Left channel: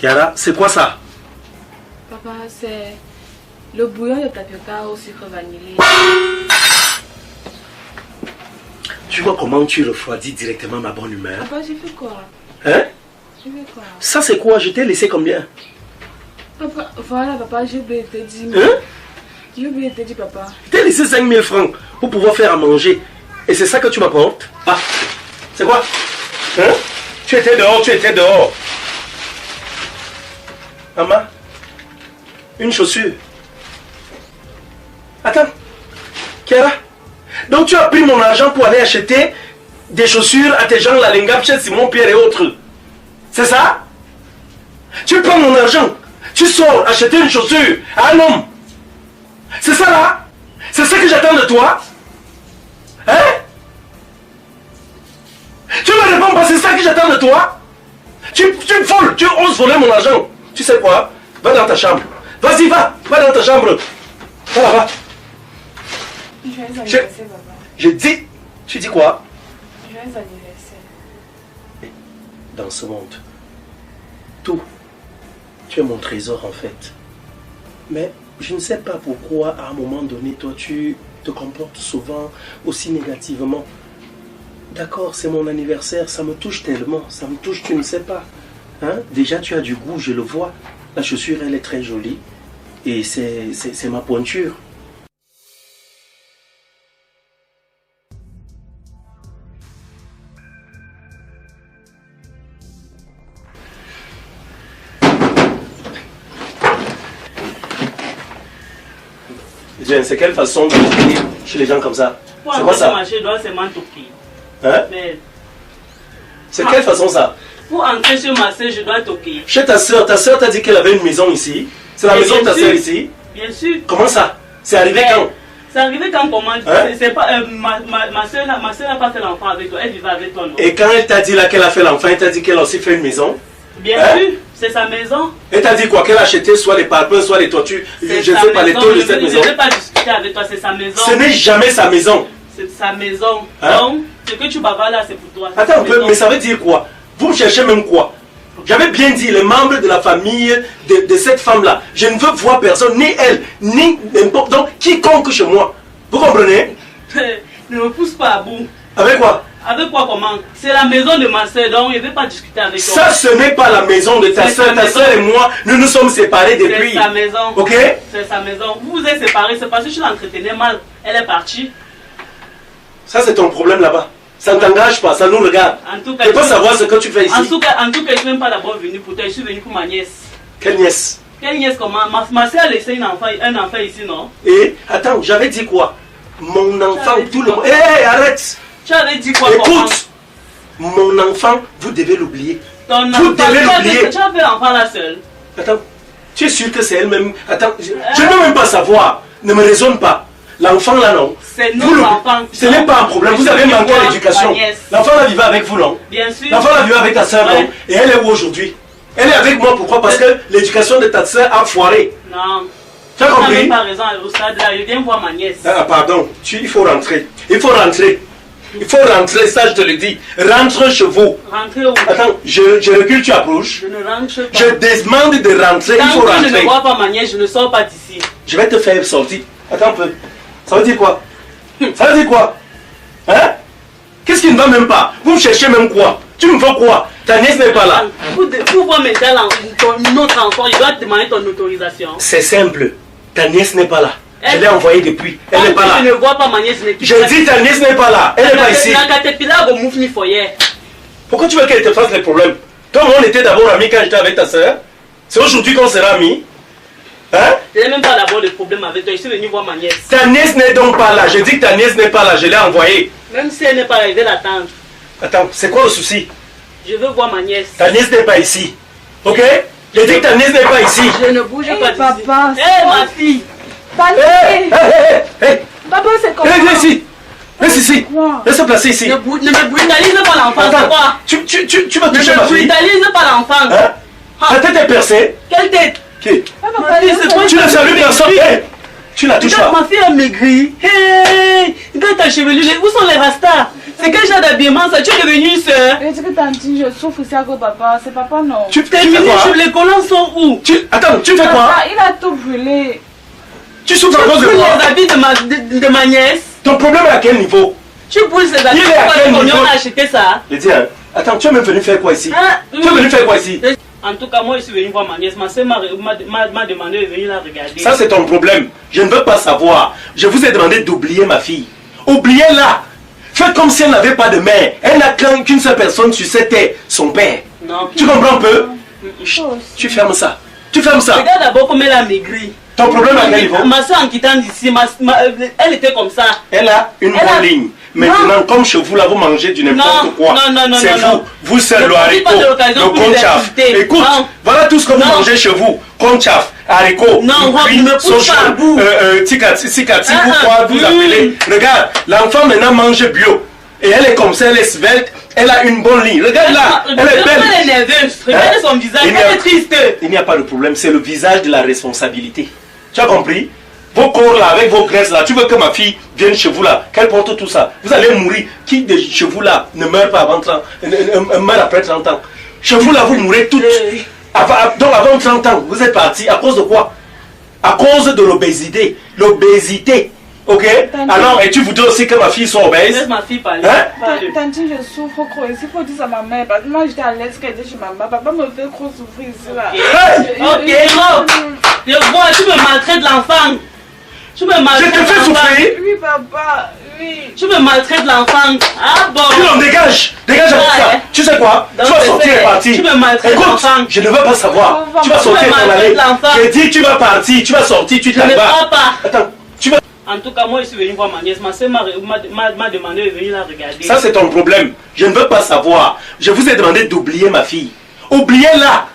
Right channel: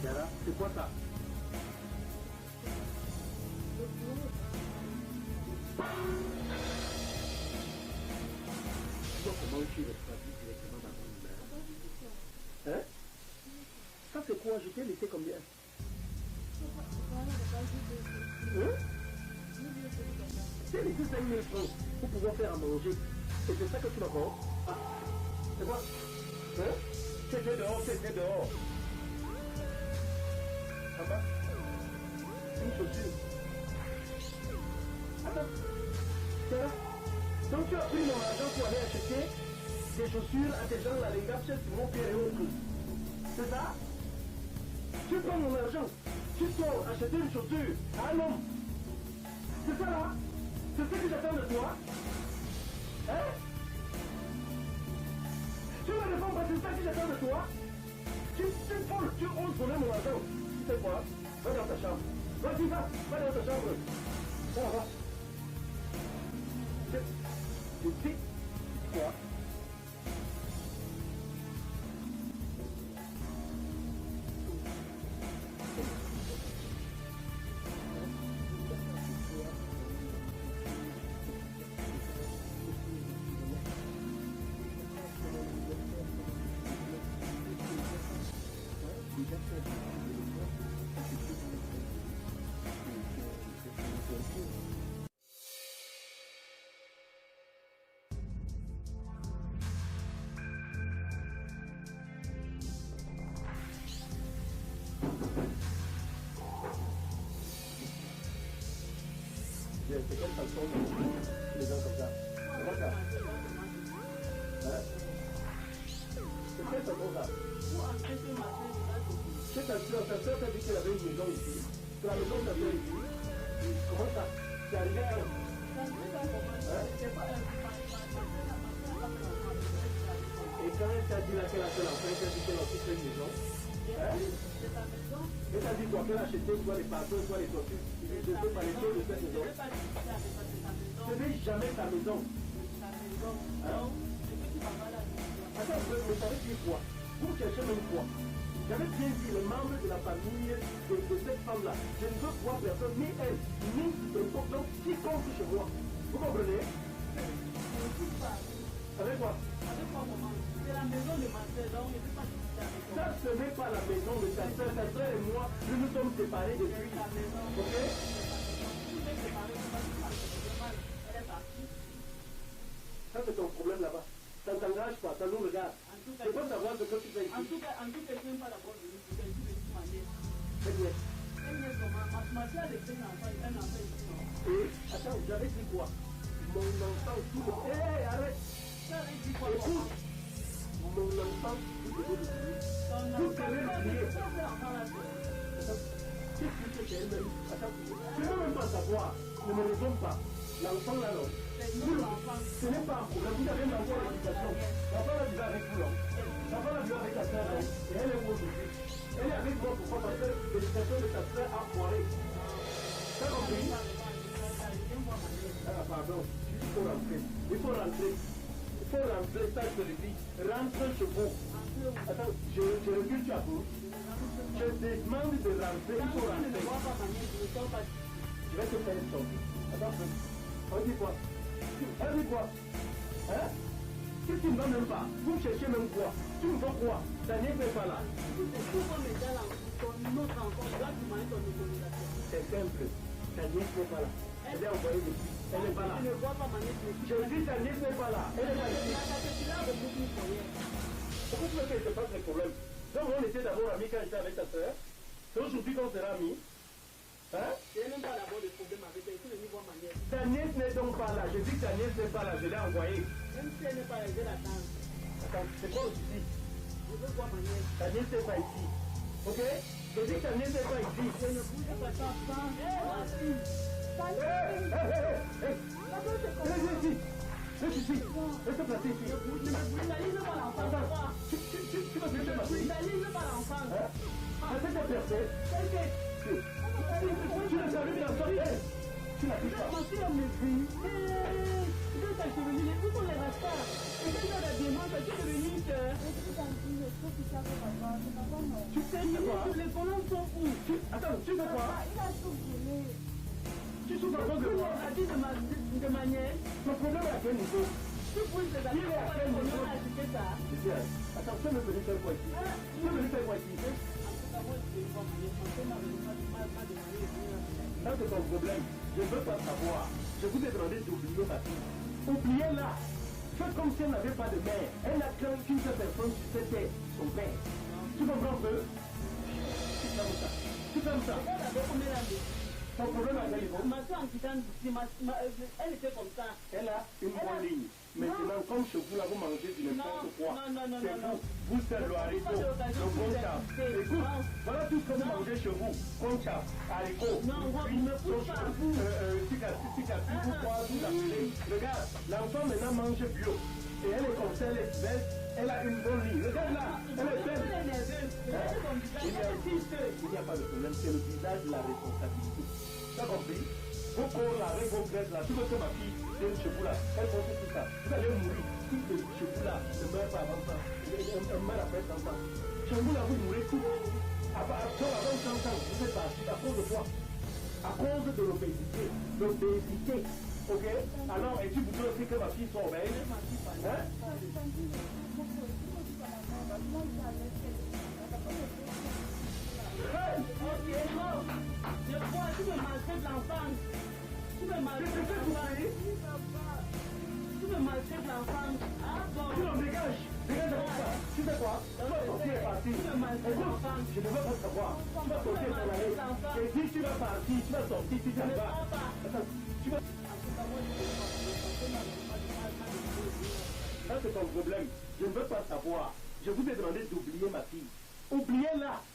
Kiara, c'est quoi ça? Papa, c'est le bouillon de tapioca au sucre vanillé. Tu vois comment tu refroidis directement ma bonne humeur? Papa, j'ai fait quoi? Hein? J'ai fait quoi? Ça c'est quoi? Je t'ai laissé combien? Papa, voilà papa, j'ai oublié de te dire. Hein? J'ai oublié de te dire papa. Je t'ai laissé 5000 francs pour pouvoir faire à manger. Et c'est ça que tu m'apportes? Ah, c'est quoi? Hein? Tu étais dehors, tu étais dehors. Maman, une chaussure. Attends, Kiara, donc tu as pris mon argent pour aller acheter des chaussures à tes gens, la Lingap, chez Simon Pierre et autres. C'est ça? Tu prends mon argent, tu sors acheter une chaussure à un homme. C'est ça là? C'est ça que j'attends de toi? Hein? Tu me réponds pas, c'est ça que j'attends de toi? Tu me voles, tu oses voler mon argent. Tu sais quoi? Va dans ta chambre. Vas-y, va dans ta chambre. Va là-bas. Je dis, tu dis quoi? Joyeux anniversaire. Dans ce monde, tout, tu es mon trésor en fait. Mais je ne sais pas pourquoi à un moment donné, toi, tu te comportes souvent aussi négativement. D'accord, c'est mon anniversaire, ça me touche tellement, ça me touche, tu ne sais pas. Hein? Déjà, tu as du goût, je le vois. La chaussure, elle est très jolie. Et c'est ma pointure. C'est quelle façon de toquer chez les gens comme ça? C'est quoi ça? Hein? C'est quelle façon ça? Pour entrer chez ma soeur, je dois toquer. Chez ta soeur t'a dit qu'elle avait une maison ici? C'est la maison de ta soeur ici? Bien sûr. Comment ça? C'est arrivé quand? C'est arrivé quand comment? Hein? C'est pas, ma soeur n'a pas fait l'enfant avec toi, elle vivait avec toi, non? Et quand elle t'a dit là qu'elle a fait l'enfant, elle t'a dit qu'elle a aussi fait une maison? Bien sûr, c'est sa maison. Elle t'a dit quoi? Qu'elle a acheté soit les parpaings, soit les toitures? Je ne sais pas, les taux de cette maison. Je ne vais pas discuter avec toi, c'est sa maison. Ce n'est jamais sa maison. C'est sa maison. Hein? Donc, ce que tu bavardes là, c'est pour toi. Attends un peu, mais ça veut dire quoi? Vous me cherchez même quoi? J'avais bien dit, les membres de la famille de cette femme-là, je ne veux voir personne, ni elle, ni n'importe, donc quiconque chez moi. Vous comprenez? Ne me pousse pas à bout. Avec quoi? Avec quoi comment? C'est la maison de ma soeur, donc je ne vais pas discuter avec toi. Ça, ce n'est pas la maison de ta soeur. Ta soeur et moi, nous nous sommes séparés depuis. C'est sa maison. Ok? C'est sa maison. Vous vous êtes séparés, c'est parce que je l'entretenais mal. Elle est partie. Ça, c'est ton problème là-bas. Ça ne t'engage pas, ça nous regarde. En tout cas, tu peux pas savoir ce que tu fais ici. En tout cas, je ne suis même pas d'abord venu pour toi, je suis venu pour ma nièce. Quelle nièce? Quelle nièce comment? Ma soeur a laissé un enfant ici, non? Et attends, j'avais dit quoi? Mon enfant, tout le monde. Hé, arrête! Tu avais dit quoi? Écoute! Mon enfant, vous devez l'oublier. Ton vous devez l'oublier. Tu as fait l'enfant là seule. Attends, tu es sûr que c'est elle-même? Attends, je ne veux même pas savoir. Ne me raisonne pas. L'enfant là, non. C'est notre enfant. Ce n'est pas un problème. Vous avez manqué à l'éducation. L'enfant là vivait avec vous, non? Bien sûr. L'enfant là vivait avec ta soeur, non? Et elle est où aujourd'hui? Elle est avec moi, pourquoi? Parce que l'éducation de ta soeur a foiré. Non. Tu as compris? Tu n'as pas raison au stade là. Je viens voir ma nièce. Ah, pardon. Il faut rentrer. Il faut rentrer. Il faut rentrer, ça je te le dis. Rentre chez vous. Rentrer où? Attends, je recule, tu approches. Je ne rentre pas. Je demande de rentrer, il faut rentrer. Tant que je ne vois pas ma nièce, je ne sors pas d'ici. Je vais te faire sortir. Attends un peu. Ça veut dire quoi? Ça veut dire quoi? Hein? Qu'est-ce qui ne va même pas? Vous me cherchez même quoi? Tu me veux quoi? Ta nièce n'est pas là. Pour voir notre enfant, il doit te demander ton autorisation. C'est simple. Ta nièce n'est pas là. Je l'ai envoyée depuis. Elle n'est pas là. Je ne vois pas ma nièce. Je dis ta nièce n'est pas là. Elle n'est pas ici. Pourquoi tu veux qu'elle te fasse les problèmes? Toi, on était d'abord amis quand j'étais avec ta soeur. C'est aujourd'hui qu'on sera amis. Hein? Je n'ai même pas d'abord de problème avec toi. Je suis venu voir ma nièce. Ta nièce n'est donc pas là. Je dis que ta nièce n'est pas là. Je l'ai envoyée. Même si elle n'est pas là, je vais l'attendre. Attends, c'est quoi le souci? Je veux voir ma nièce. Ta nièce n'est pas ici. Ok? Je dis que ta nièce n'est pas ici. Je ne bouge pas d'ici. Papa. Hé, ma fille. Papa, c'est comment? Viens ici. Laisse ici. Laisse se placer ici. Ne me brutalise pas l'enfant, c'est quoi? Tu vas toucher ma fille. Ne me brutalise pas l'enfant. Hein? Ta tête est percée. Quelle tête? Qui? Ma fille, c'est quoi? Tu ne salues personne. Tu la touches pas. Ma fille a maigri. Hey, Regarde ta chevelure, où sont les rastas? C'est quel genre d'habillement ça? Tu es devenue une soeur? Je dis que tantine, je souffre ici à cause de papa. C'est papa, non. Tu Tes fais mini quoi? les collants sont où? Attends, tu fais quoi? Papa, il a tout brûlé. Tu souffres à cause de Tu quoi? les habits de ma nièce. Ton problème est à quel niveau? Tu brûles ces habits. Il est à quel Pourquoi niveau? on a acheté ça? Je dis, hein, attends, tu es même venu faire quoi ici? Ah, Tu es venu faire quoi ici? En tout cas, moi, je suis venu voir ma nièce. Ma soeur m'a demandé de venir la regarder. Ça, c'est ton problème. Je ne veux pas savoir. Je vous ai demandé d'oublier ma fille. Oubliez-la. Faites comme si elle n'avait pas de mère. Elle n'a qu'une seule personne sur cette terre, son père. Non. Tu comprends un peu? Chose. Tu fermes ça. Tu fermes ça. Regarde d'abord comme elle a maigri. Ton problème à quel niveau? Ma soeur, en quittant d'ici, elle était comme ça. Elle a une bonne ligne. Maintenant, comme chez vous, là, vous mangez du n'importe quoi. Non, c'est non. vous seul, Ne le profite pas haricot, de l'occasion le pour les conchaf. insulter. Écoute, Non. voilà tout ce que vous Non. mangez chez vous. Conchaf, haricot, Non, Rob, cuit, ne me pousse pas à bout. tikati, Ah, ou quoi vous ah, appelez. Regarde, l'enfant maintenant mange bio. Et elle est comme ça, elle est svelte, elle a une bonne ligne. Regarde là, elle est belle. Elle est nerveuse. Regardez son visage, Il n'y a- elle est triste. Il n'y a pas de problème, c'est le visage de la responsabilité. Tu as compris? Vos corps là, avec vos graisses là, tu veux que ma fille vienne chez vous là, qu'elle porte tout ça. Vous allez mourir. Qui de chez vous là ne meurt pas avant 30 meurt après 30 ans? Chez vous là, vous mourrez toutes. Donc avant 30 ans, vous êtes partis à cause de quoi? À cause de l'obésité. L'obésité. Ok? Alors, et tu voudrais aussi que ma fille soit obèse? Laisse ma fille parler. Hein? Tantine, je souffre trop ici. Il faut dire ça à ma mère. Parce que moi, j'étais à l'aise qu'elle était chez maman. Papa me fait trop souffrir ici là. Hey! Ok, Rob. Je vois, tu me maltraites l'enfant. Tu me Je maltraites te fais l'enfant. souffrir? Oui, papa. Oui. Tu me maltraites l'enfant. Ah bon. Non, dégage! Dégage avec Ouais. ça! Tu sais quoi? Donc, Tu vas c'est sortir fait. et partir. Tu me maltraites Écoute, l'enfant. je ne veux pas savoir. Tu vas Tu sortir me et t'en aller. maltraites l'enfant. J'ai dit, tu vas partir, tu vas sortir, tu Je ne t'en vas. crois pas. Attends, tu vas. En tout cas, moi, je suis venu voir ma nièce. Ma soeur m'a demandé de venir la regarder. Ça, c'est ton problème. Je ne veux pas savoir. Je vous ai demandé d'oublier ma fille. Oubliez-la.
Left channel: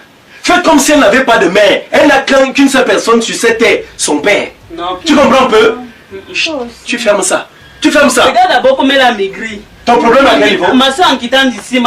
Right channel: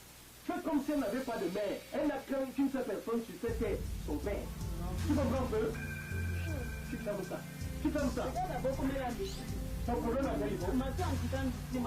Faites comme si elle n'avait pas de mère. Elle n'a qu'une seule personne sur cette terre, son père. Non. Tu comprends un peu? Chose. Tu fermes ça. Tu fermes ça. Regarde d'abord comme elle a maigri. Ton problème à quel niveau? Ma soeur, en quittant d'ici,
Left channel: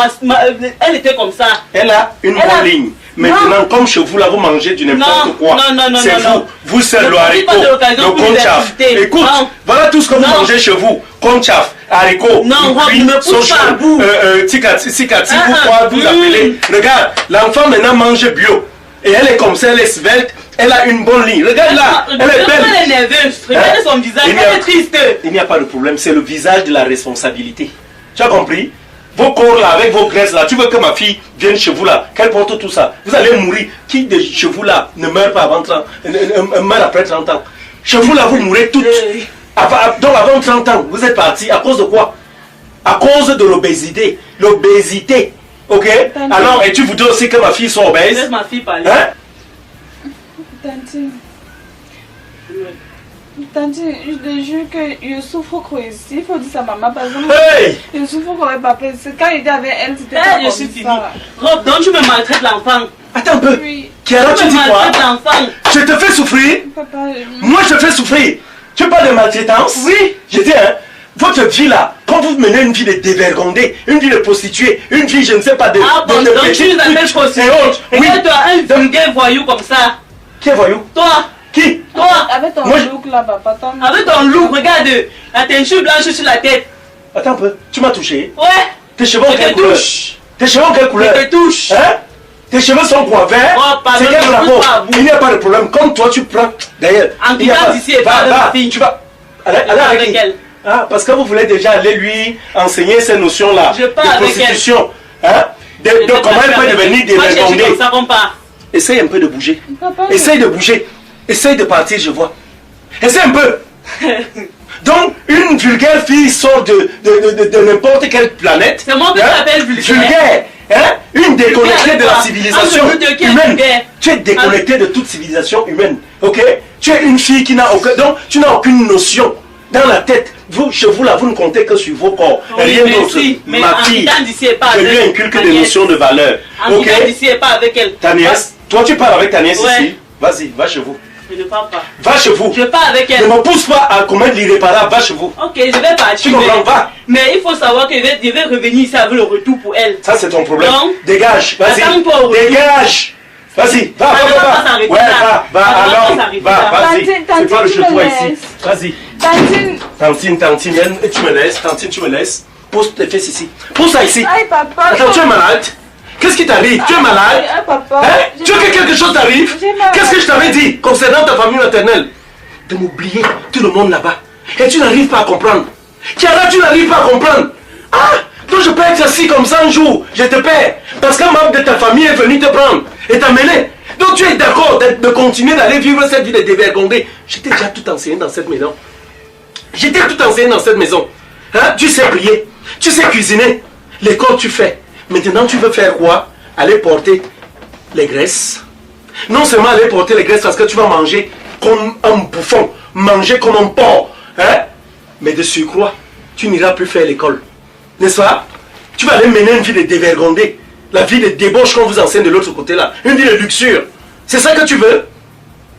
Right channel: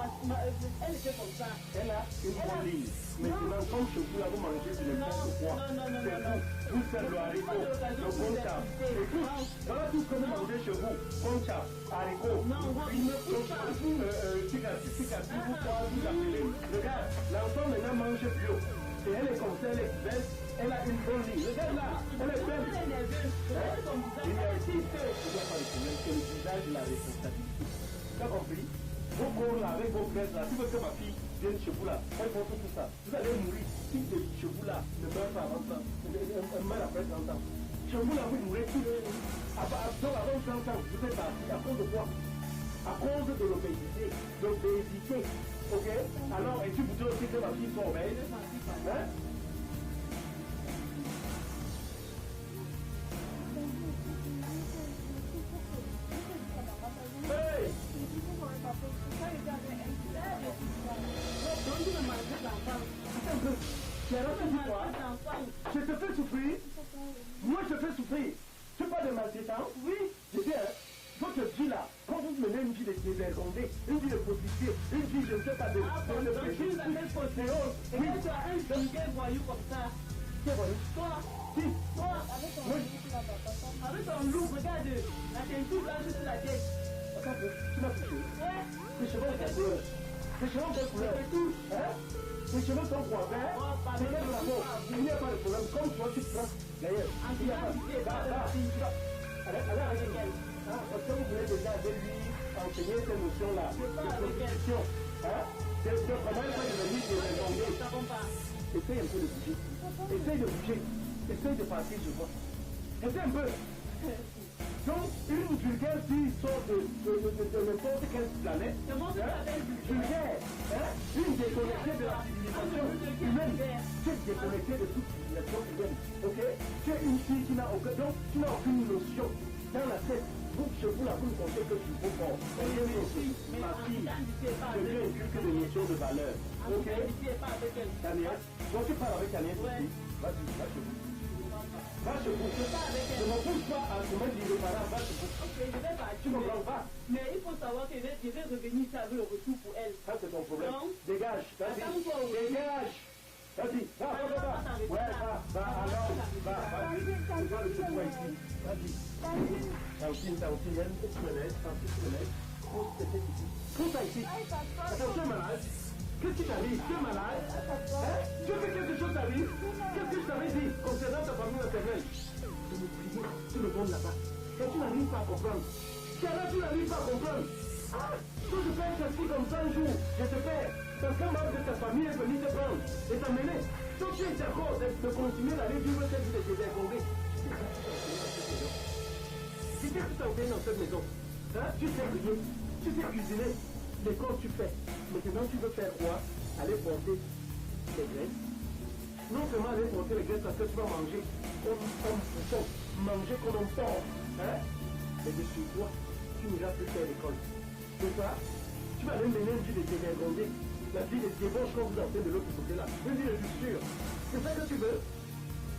elle était comme ça. Elle a une Elle a- bonne ligne. Maintenant, comme chez vous, là, vous mangez du n'importe Non, quoi. non, C'est non. vous seul, Ne le profite pas haricot, de l'occasion le pour les conchaf. insulter. Écoute, Non. voilà tout ce que vous Non. mangez chez vous. Conchaf, haricot, Non, Rob, cuit, ne me pousse sochon, pas à bout. tikati, Ah, ou quoi vous mm. appelez. Regarde, l'enfant maintenant mange bio. Et elle est comme ça, elle est svelte, elle a une bonne ligne. Regarde là, elle est belle. Elle est nerveuse. Regardez son visage, Il n'y a- elle est triste. Il n'y a pas de problème, c'est le visage de la responsabilité. Tu as compris? Vos corps là, avec vos graisses là, tu veux que ma fille vienne chez vous là, qu'elle porte tout ça. Vous allez mourir. Qui de chez vous là ne meurt pas avant 30 meurt après 30 ans? Chez vous là, vous mourrez toutes. Donc avant 30 ans, vous êtes partis à cause de quoi? À cause de l'obésité. L'obésité. Ok? Alors, et tu voudrais aussi que ma fille soit obèse? Laisse ma fille parler. Hein? Tantine. Tantine, je te jure que je souffre trop ici. Il faut dire ça à maman. Parce que Hey! je souffre trop avec papa. C'est quand il était avec elle, c'était pas Je comme suis finie. ça. Rob, donc tu me maltraites l'enfant. Attends un peu. Oui. Kiara, tu Tu dis me quoi? maltraites l'enfant. Je te fais souffrir? Papa, Moi, je fais souffrir. Tu parles de maltraitance? Oui. Je dis, hein, votre vie là, quand vous menez une vie de dévergondée, une vie de prostituée, une vie, je ne sais pas, de. Ah bon, de donc tu petite nous appelles pute prostituée. et autres. Oui. Regarde-toi, un vulgaire voyou comme ça. Qui est voyou? Toi, Qui? toi, avec ton Moi, look là, papa. avec ton look, regarde, la teinture blanche sur la tête. Attends un peu. Tu m'as touché. Ouais, Tes cheveux ont je quelle te couleur? touche. Tes cheveux ont quelle Je couleur? te touche. Hein? Tes cheveux sont quoi? Verts? Oh, pardon, C'est quel ne rapport? pousse pas à bout. Il n'y a pas de problème. Comme toi, tu prends. D'ailleurs, En il n'y a quittant pas. d'ici et Va, pas avec va. ma fille. Tu vas. Allez, Je allez pars avec avec qui? elle. Ah, parce que vous voulez déjà aller lui enseigner ces notions-là Je pars de avec prostitution. Hein? De comment elle peut devenir Moi, je suis dévergondée. comme ça qu'on part. Essaye un peu de bouger. Papa, Essaye de bouger. Essaye de partir, je vois. Essaye un peu. Donc, une vulgaire fille sort de n'importe quelle planète. C'est moi qui t'appelle vulgaire. Vulgaire. Hein? Une déconnectée de la Vulgaire, civilisation entre nous deux, qui est humaine. vulgaire? Tu es déconnectée de toute civilisation humaine. Ok? Tu es une fille qui n'a aucun. Donc, tu n'as aucune notion dans la tête. Vous, chez vous, là, vous ne comptez que sur vos corps. Oui, Rien d'autre. merci. Mais Ma en fille, quittant d'ici et pas je avec lui inculque ta des nièce. notions de valeur. En Ok? quittant d'ici et pas avec elle. Ta nièce, toi, tu parles avec ta nièce Ouais. ici. Vas-y, va chez vous. Je ne pars pas. Va chez vous. Je pars avec Ne elle. me pousse pas à commettre l'irréparable. Va chez vous. Ok, je vais partir. Tu comprends? Va. Mais il faut savoir que je vais revenir ici avec le retour pour elle. Ça, c'est ton problème. Non. Dégage. Vas-y. Attends-toi au retour. Dégage. Vas-y, va, Ça va, va pas va. s'arrêter Ouais, là. va, Ça va alors. pas s'arrêter Va, là. vas-y. Tantine, C'est pas le tu chez me toi ici. laisses. Vas-y. Tantine. Tantine, tu me laisses. Tantine, tu me laisses. Pose tes fesses ici. Pose ça ici. Aïe, papa. Attends, tu es malade? Qu'est-ce qui t'arrive? Tu es malade? Aïe, papa. Hein? Tu veux que quelque chose t'arrive? J'ai mal. Qu'est-ce que je t'avais dit concernant ta famille maternelle? De m'oublier tout le monde là-bas. Et tu n'arrives pas à comprendre. Chiara, tu n'arrives pas à comprendre. Ah! Donc je peux être assis comme ça un jour. Je te paie. Parce qu'un membre de ta famille est venu te prendre et t'amener. Donc tu es d'accord de continuer d'aller vivre cette vie de dévergondé. J'étais déjà tout enseigné dans cette maison. J'étais tout enseigné dans cette maison. Hein? Tu sais prier. Tu sais cuisiner. L'école tu fais. Maintenant tu veux faire quoi? Aller porter les graisses. Non seulement aller porter les graisses parce que tu vas manger comme un bouffon. Manger comme un porc. Hein? Mais de surcroît, tu n'iras plus faire l'école. N'est-ce pas? Tu vas aller mener une vie de dévergondé. La vie de débauche qu'on vous enseigne de l'autre côté là. Une vie de luxure. C'est ça que tu veux?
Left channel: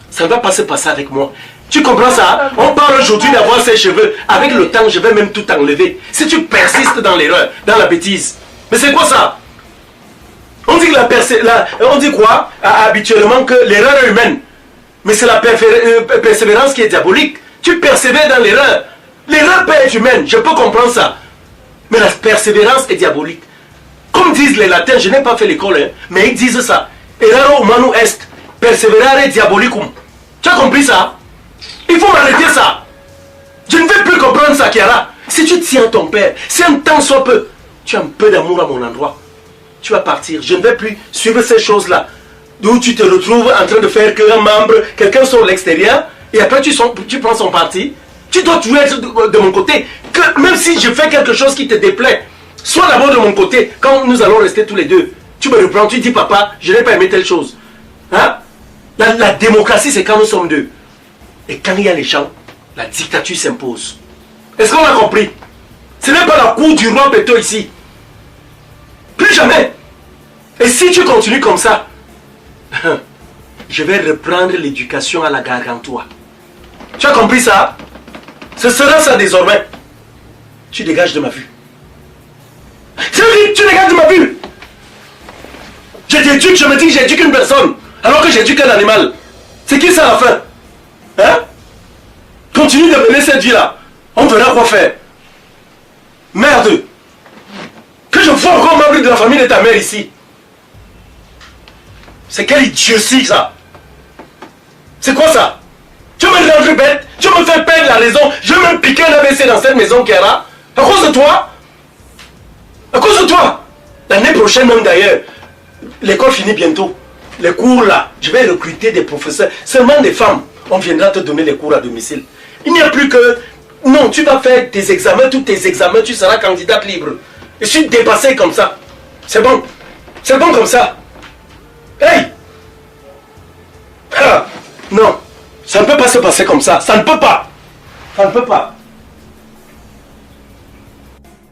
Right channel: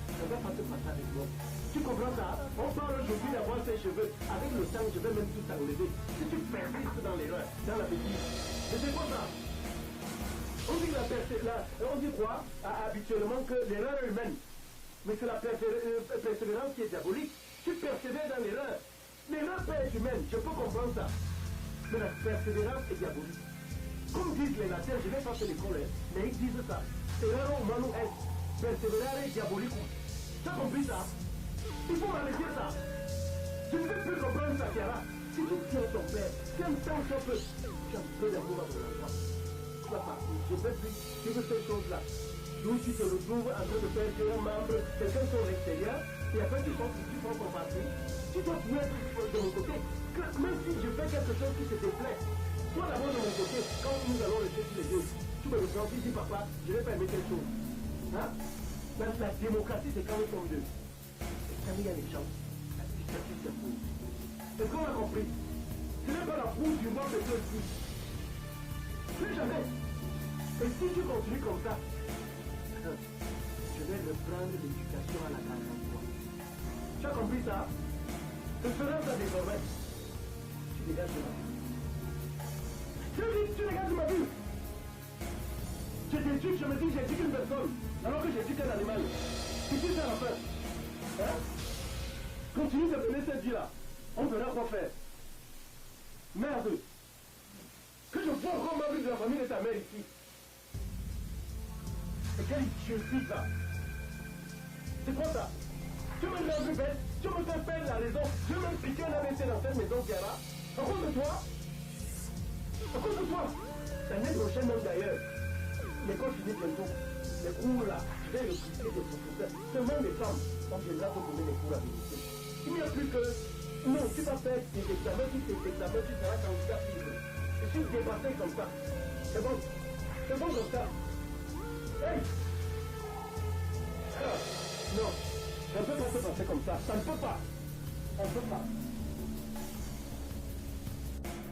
Ça ne va pas se passer avec moi. Tu comprends ça? On parle aujourd'hui d'avoir ses cheveux. Avec le temps, je vais même tout enlever. Si tu persistes dans l'erreur, dans la bêtise. Mais c'est quoi ça? On dit que on dit quoi? Habituellement que l'erreur est humaine. Mais c'est la persévérance qui est diabolique. Tu persévères dans l'erreur. L'erreur peut être humaine, je peux comprendre ça. Mais la persévérance est diabolique. Comme disent les latins, je n'ai pas fait l'école, hein, mais ils disent ça. Erraro humanum est, perseverare diabolicum. Tu as compris ça? Il faut m'arrêter ça. Je ne veux plus comprendre ça, Chiara. Si tu tiens ton père, si un temps soit peu, tu as un peu d'amour à mon endroit, tu vas partir. Je ne vais plus suivre ces choses-là. D'où tu te retrouves en train de faire qu'un membre, quelqu'un sur l'extérieur, et après tu prends son parti. Tu dois toujours être de mon côté. Que même si je fais quelque chose qui te déplaît, sois d'abord de mon côté. Quand nous allons rester tous les deux, tu me reprends, tu dis papa, je n'ai pas aimé telle chose. Hein? La démocratie, c'est quand nous sommes deux. Et quand il y a les gens, la dictature s'impose. Est-ce qu'on a compris? Ce n'est pas la cour du roi Beto ici. Plus jamais. Et si tu continues comme ça, je vais reprendre l'éducation à la gargantua. Tu as compris ça? Ce sera ça désormais. Tu dégages de ma vue. Tu dégages de ma vue. Je t'éduque, je me dis que j'éduque une personne, alors que j'éduque un animal. C'est qui ça à la fin? Hein? Continue de mener cette vie-là. On verra quoi faire. Merde. Que je vois encore membre de la famille de ta mère ici. C'est quelle idiotie ça? C'est quoi ça? Tu me rends bête, tu me fais perdre la raison, je vais me piquer un AVC dans cette maison, Chiara. À cause de toi? À cause de toi? L'année prochaine même d'ailleurs, l'école finit bientôt. Les cours là, je vais recruter des professeurs, seulement des femmes. On viendra te donner les cours à domicile. Il n'y a plus que... Non, tu vas faire tes examens, tous tes examens, tu seras candidate libre. Je suis dépassé comme ça. C'est bon. C'est bon comme ça. Hey! Ah, non. Ça ne peut pas se passer comme ça. Ça ne peut pas. Ça ne peut pas.